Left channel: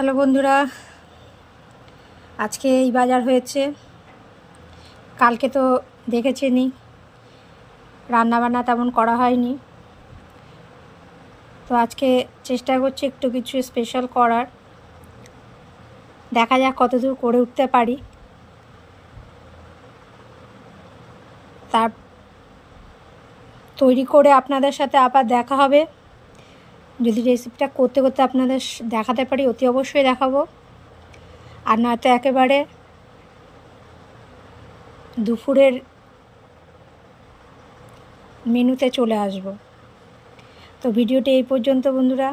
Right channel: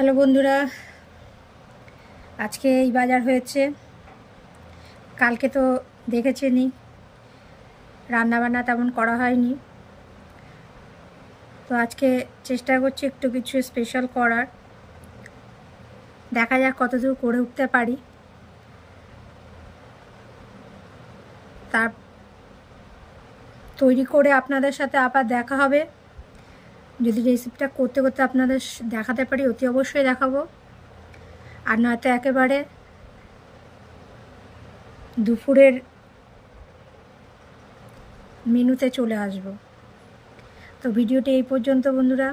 হ্যালো বন্ধুরা, আজকে এই বাজার হয়েছে। কালকে তো দেখেছেনই রান্নাবান্না তেমন করা হয়নি, তো আজকে চেষ্টা করছি একটু কিছু স্পেশাল করার। দেখা যাক কতদূর করে উঠতে পারি। তার তৈরি করে আপনাদের সাথে আবার দেখা হবে। যদি রেসিপিটা করতে করতে আপনাদের দেখাতে পারি অতি অবশ্যই দেখাবো, আর নয়তো একেবারে দুপুরের মেনুতে চলে আসব। তো ভিডিওটি এই পর্যন্ত বন্ধুরা,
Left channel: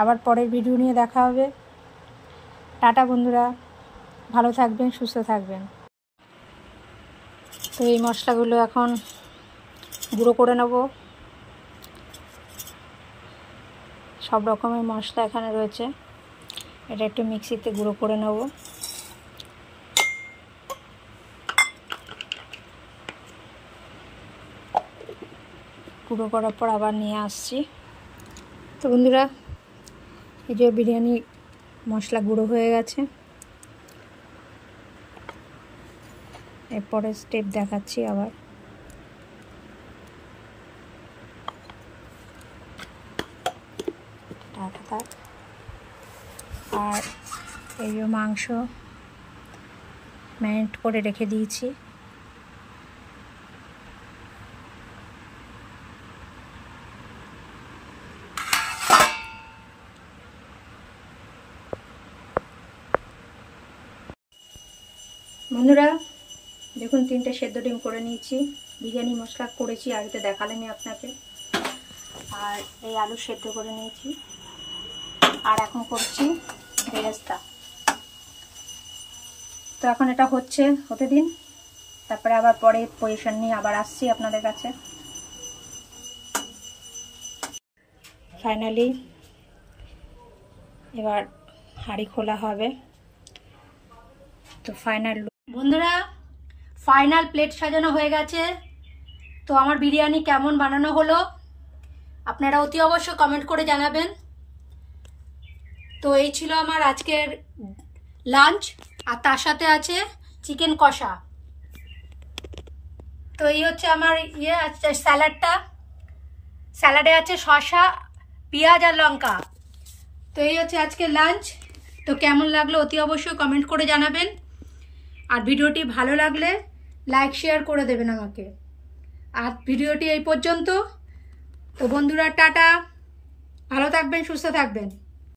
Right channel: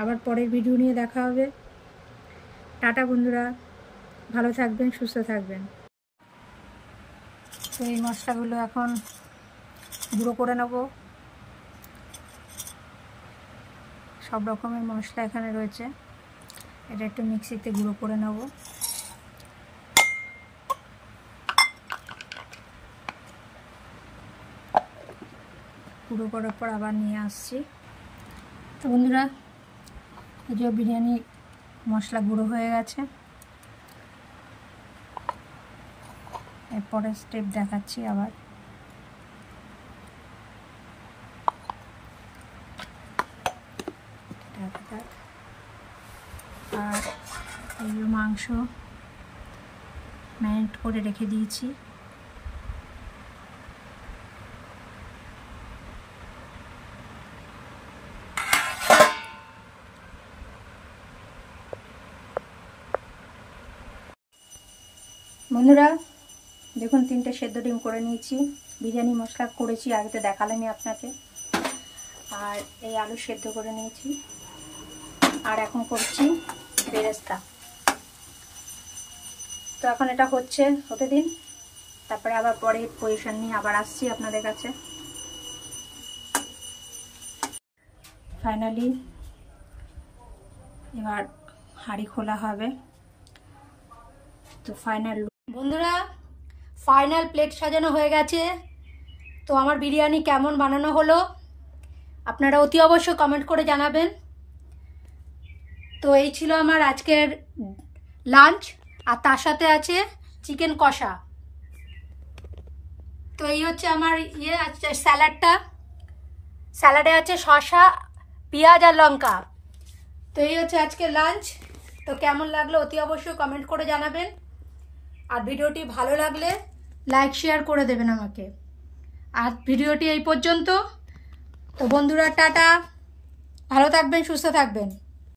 আবার পরের ভিডিও নিয়ে দেখা হবে। টাটা বন্ধুরা, ভালো থাকবেন, সুস্থ থাকবেন। তো এই মশলাগুলো এখন গুঁড়ো করে নেব। সব রকমের মশলা এখানে রয়েছে, এটা একটু মিক্সিতে গুঁড়ো করে নেব। গুঁড়ো করার পর আবার নিয়ে আসছি। তো বন্ধুরা, এই যে বিরিয়ানি মশলা গুঁড়ো হয়ে গেছে। এরপরে স্টেপ দেখাচ্ছি আবার। আর এই যে মাংস ম্যারিনেট করে রেখে দিয়েছি। বন্ধুরা দেখুন, 3টে সেদ্ধ ডিম করে নিয়েছি। বিরিয়ানি মশলা করেছি, আগে তো দেখালামই আপনাকে। আর এই আলু সেদ্ধ করে নিয়েছি, আর এখন করছি বেরেস্তা। তো এখন এটা হতে দিন, তারপরে আবার পরে পজিশন নিয়ে আবার আসছি আপনাদের কাছে। ফাইনালি এবার হাঁড়ি খোলা হবে। তো বন্ধুরা, ফাইনাল প্লেট সাজানো হয়ে গেছে। তো আমার বিরিয়ানি কেমন বানানো হলো আপনারা অতি অবশ্যই কমেন্ট করে জানাবেন। তো এই ছিল আমার আজকের লাঞ্চ, আর তার সাথে আছে চিকেন কষা। তো এই হচ্ছে আমার স্যালাডটা। স্যালাডে আছে শসা, পেঁয়াজ আর লঙ্কা। তো এই হচ্ছে আজকের লাঞ্চ। তো কেমন লাগলো অতি অবশ্যই কমেন্ট করে জানাবেন, আর ভিডিওটি ভালো লাগলে লাইক শেয়ার করে দেবেন আমাকে। আর ভিডিওটি এই পর্যন্ত। তো বন্ধুরা টাটা, ভালো থাকবেন, সুস্থ থাকবেন।